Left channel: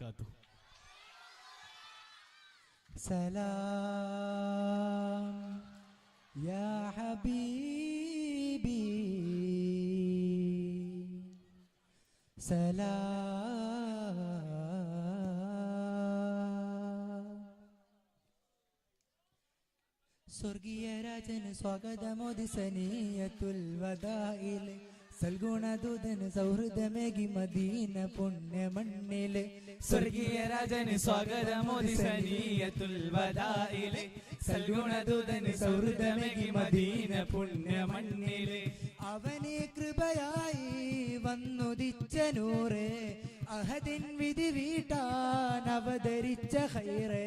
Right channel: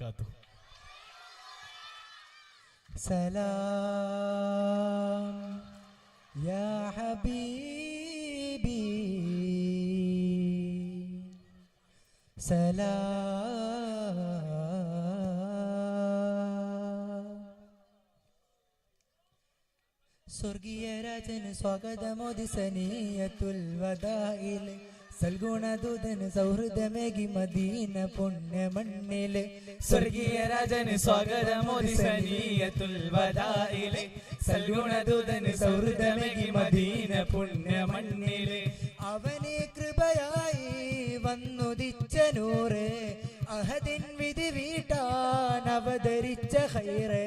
وبركاته. سلام يا حبيبي سلام സ്വർഗീയ രാജന് സ്വാഗതമോദി സനീയത്തുൽ വദായിലെ സൽഗുണദൂതന് സൗഹൃദമേകി മദീന പുണ്യമണ്ണിലെ സ്വർഗീയ രാജന് സ്വാഗതമോദി സനീയത്തുൽ വദായിലെ സൽഗുണദൂതന് സൗഹൃദമേകി മദീന പുണ്യമണ്ണിലെ അവനെ കൃപയായി വന്നുദിച്ച നൂറ് അഹദിൻ വിധി വീട്ടാൻ അവതരിച്ച ഖൈറ്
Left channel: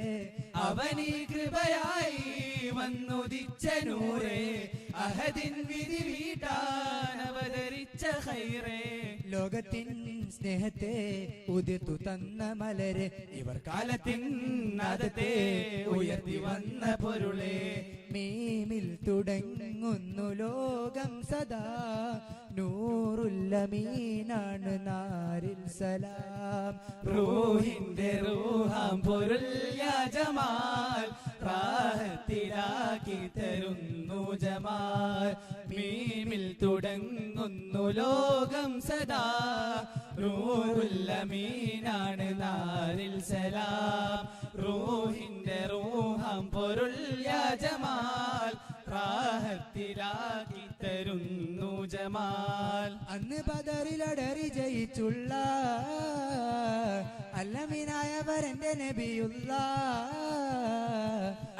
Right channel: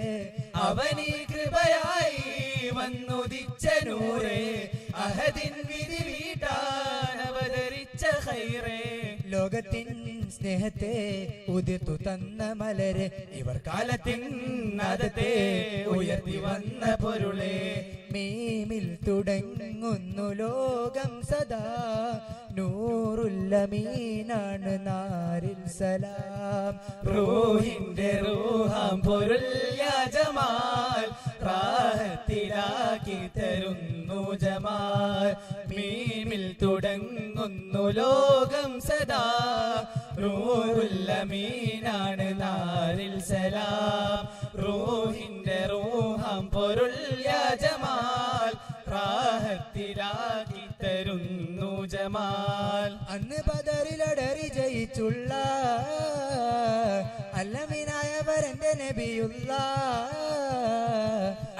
അവനെ കൃപയായി വന്നുദിച്ച നൂറ് അഹദിൻ വിധി വീട്ടാൻ അവതരിച്ച ഖൈറ് ലോകത്തിൻ സ്നേഹത്തെ ഉതിർത്തു തന്ന മലര് ഇവർ കാലത്തിൻ നാദത്തെ ഉയർത്തി വന്ന പൊരുളെ മീമിൽ തുടങ്ങുന്നു ലോകം സദാ നൂറുല്ലമീനാണ് നാരിൽ സലാം റൂഹിന്റെ റൂഹാം പൊരുൾ യാ ജമാൽ റാഹത്തിലാക്കി തരുന്നു ജമാൽ മീമിൽ തുടങ്ങുന്നു ലോകം സദാ നൂറുല്ലമീനാണ് നാരിൽ സലാം റൂഹിന്റെ റൂഹാം പൊരുൾ യാ ജമാൽ റാഹത്തിലാക്കി തരുന്നു ജമാൽ അന്ന് ബദറിലടറി ജയിച്ചുള്ള അല്ലമീനായവരെന്റെ നബിയുള്ള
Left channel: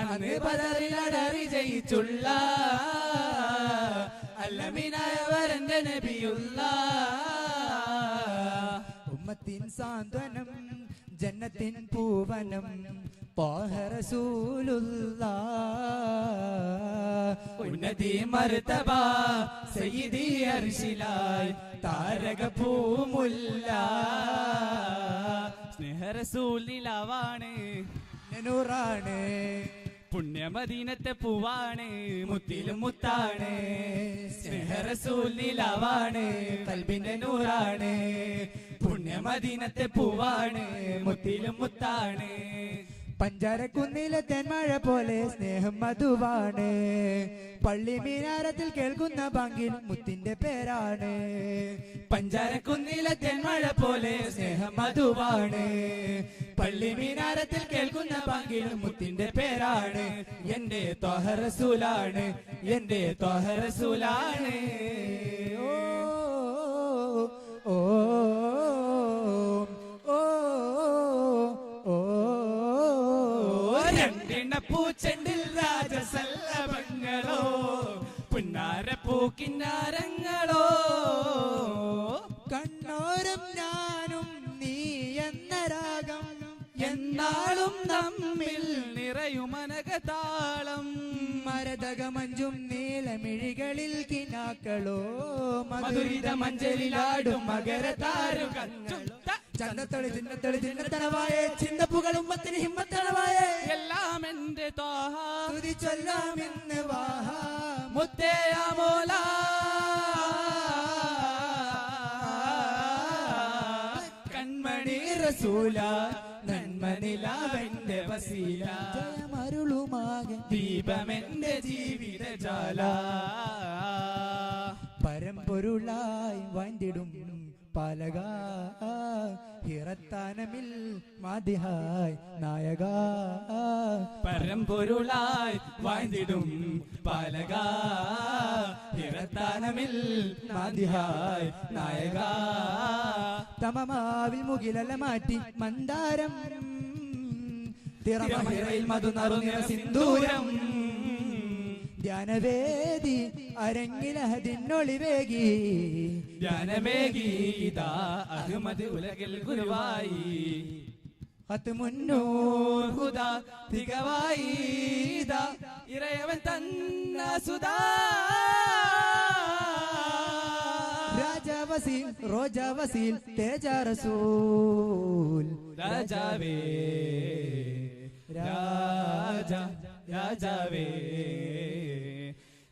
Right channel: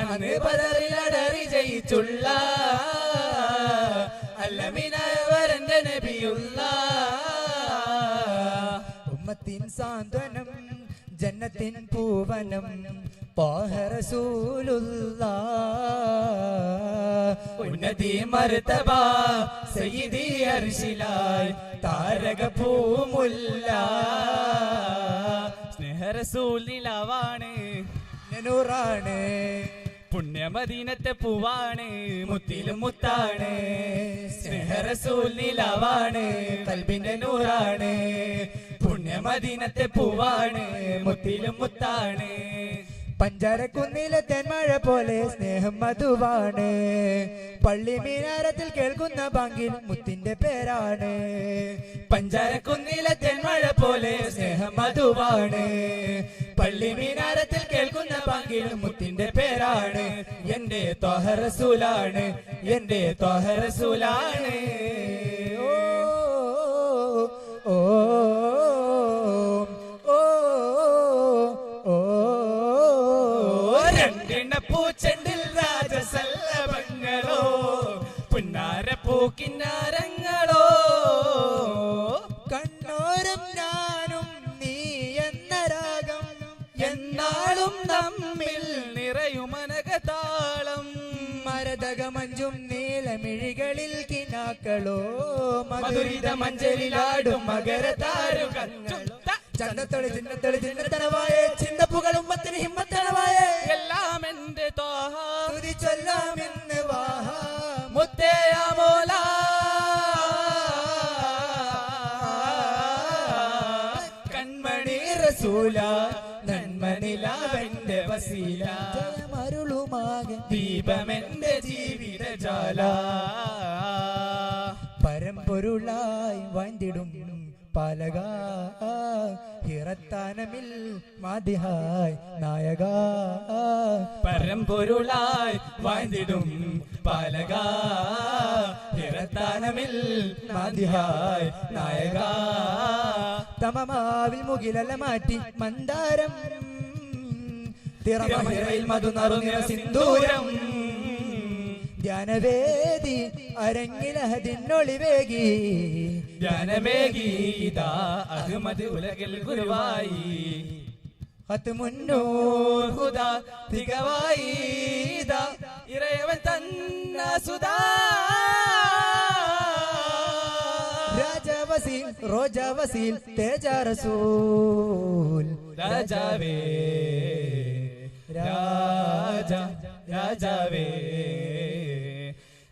അന്ന് ബദറിലടറി ജയിച്ചുള്ള അല്ലമീനായവരെന്റെ നബിയുള്ള ഉമ്മത്തിൻ സാന്ത്വനം ജന്നത്തിൻ പൂവനം ഉന്നതി മർത്തബ സയ്യിദി അർശിലായി താരക പൂമുല്ല സ്നേഹറസൂലിലാവാണ് നൂറാണ് പുണ്യമദീനത്തെ പൂവാണ് മുത്തിലും മുത്താണ് സ്നേഹറസൂലിലാവാണ് കൽബിന്റെ നൂറാണ് പുണ്യമദീനത്തെ പൂവാണ് മുത്തിലും മുത്താണ് പഞ്ചാരക്കുന്നിലെ തെന്മഴ പോലെ സ്നേഹം മധുവാണ് പള്ളി മീനാരത്തിൽ കേൾക്കുന്ന ബാങ്കിൽ മുത്തിന്റെ പേരാണ് പഞ്ചാരക്കുന്നിലെ തെന്മഴ പോലെ സ്നേഹം മധുവാണ് പള്ളി മീനാരത്തിൽ കേൾക്കുന്ന ബാങ്കിൽ മുത്തിന്റെ പേരാണ് എന്റെ ത്വഹ റസൂലാണ് എന്റെ ത്വഹ റസൂലാണ് ഓ പൂച്ചെണ്ടിൽ രാജസല്ലഭങ്ങളോ പുന്നാര പൂക്കിന്നാരങ്ങളോ കണ്ണോരം ഞാനും നീ എന്ന രാഗം എന്നാളും നമ്മിൽ നിറയുമനകതാളം മരതകമഞ്ചും നീലമിഴികളിൽ കിനാക്കളോ മധുരിത മഞ്ചലിലാടും മകരതാരുകങ്ങളും ചന്തത്തൊളി ചിന്നത്തൊളി ചിന്നത്തനവായ ചിന്നപ്പുകളും മത്തിന് ഹിമ്മത്തനവായ എല്ലാം എന്റെ ത്വഹ ചൊല്ലാം എന്ന് വാഹ മുത്തയ മോല കൺമണി റസൂല നന്മനിലാവെന്റെ വസീല മരുളുമാകെ ദീപമെന്റെ ജീവിതജാല പരമ്പൊരുളായി വാഴ്ന്നിടും പാലക ഹിറത്താനമിൽ മാതിഹായ് നായക പരമ്പൊരുളായി വാഴ്ന്നിടും പാലക ഹിറത്താനമിൽ മാതിഹായ് നായക തമമാവിൽ മുകിലല മാറ്റി മന്ദാരം തിറമഹിറയിൽ മധു നറുനിറ സിന്ദൂരം ധ്യാനവേദി അരങ്ങിലഹദിനൊളിവേകി ധ്യാനമേകി ഇതാ അഹ്മദ് ഉലകിൽ ഗുരുവായി മുന്നൂർ ഹുദാ തികവായി ഇതാ ഇറയവൻ തന്ന സുധാ രാജവസീൽ റോജാവസീൽ തേജ റസൂൽ രാജാവേ രാജ രാജാവേ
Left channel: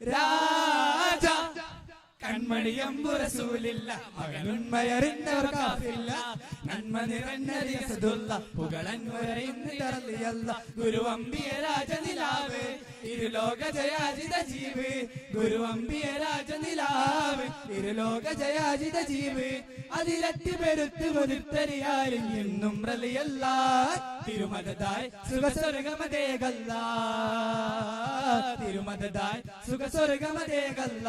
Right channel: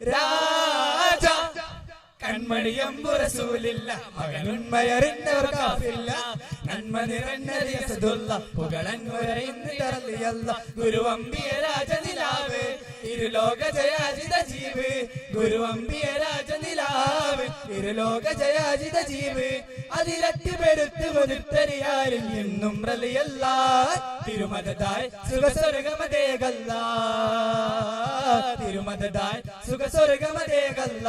രാജ കൺമണിയമ്പു റസൂലില്ല മകനുന്മയറിഞ്ഞവർ കാഫില്ല നന്മ നിറഞ്ഞ അസദുള്ള പുകളന്നുരയിന്നിറലിയല്ല ഗുരുവമ്പിയ രാജനിലാവ് ഇരുലോക ജയാജിത ജീവ് ഗുരുവമ്പിയ രാജനിലാവ് ഇരുലോക ജയാജിത ജീവ് അതിരട്ടി പെരുത്ത് വരുത്തരിയാരിൽ എന്നും റലിയല്ല തിരുമതതായി സുഖസ്വർഗമതേകല്ല തിരുമതതായി സുഖസ്വർഗമതേകല്ല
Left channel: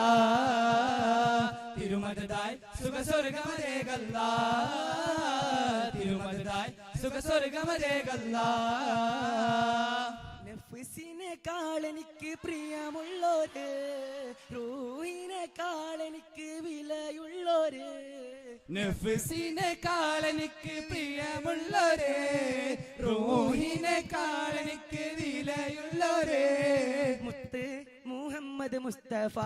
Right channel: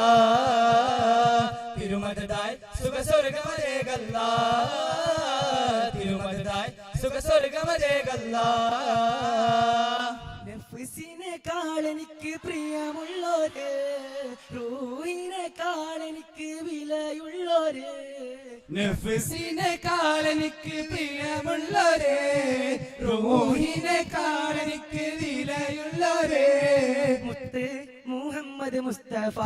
തിരുമതതായി സുഖസ്വർഗമതേകല്ല തിരുമതതായി സുഖസ്വർഗമതേകല്ല നഫ്സിനെക്കാൾ എനിക്ക് പ്രിയമുള്ളോര് റൂഹിനെക്കാൾ എനിക്ക് വിലയുള്ളോര് നഫ്സിനെക്കാൾ എനിക്ക് പ്രിയമുള്ളവരെ റൂഹിനെക്കാൾ എനിക്ക് വിലയുള്ളവരെ മുത്ത് മുഹമ്മദ് മുസ്തഫ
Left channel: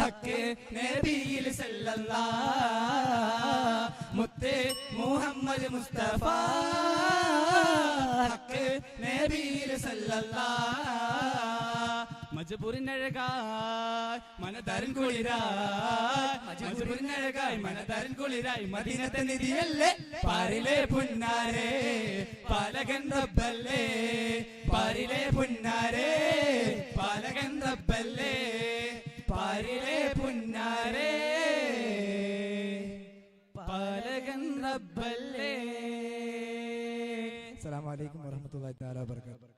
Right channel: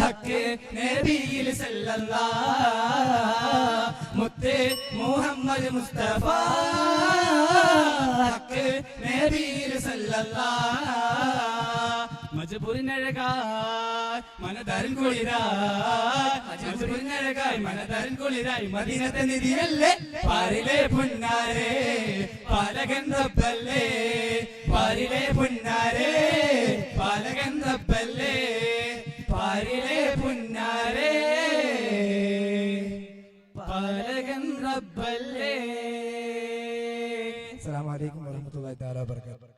ഹക്ക് നബിയിൽ സല്ലല്ലാഹ് മുത്ത് മുഹമ്മദ് മുസ്തഫ ഹക്ക് നബിയിൽ സല്ലല്ലാഹ് മജബൂരിനഴകായി മനതരൻ കുളിരായി മജബൂരിനഴകായി മനതരൻ കുളിരായി മദീനത്തെ നിധിയല്ലേ പാരിലെ പുന്നാരേ പാലകൻ റബ്ബല്ലേ പാരിലെ പുന്നാരേ പാലകൻ റബ്ബല്ലേ പാരിലെ പുന്നാരേ പാലകൻ റബ്ബല്ലേ. അസ്സലാമു അലൈക്കും വറഹ്മത്തുള്ളാഹി തആല വബറകാതുഹു.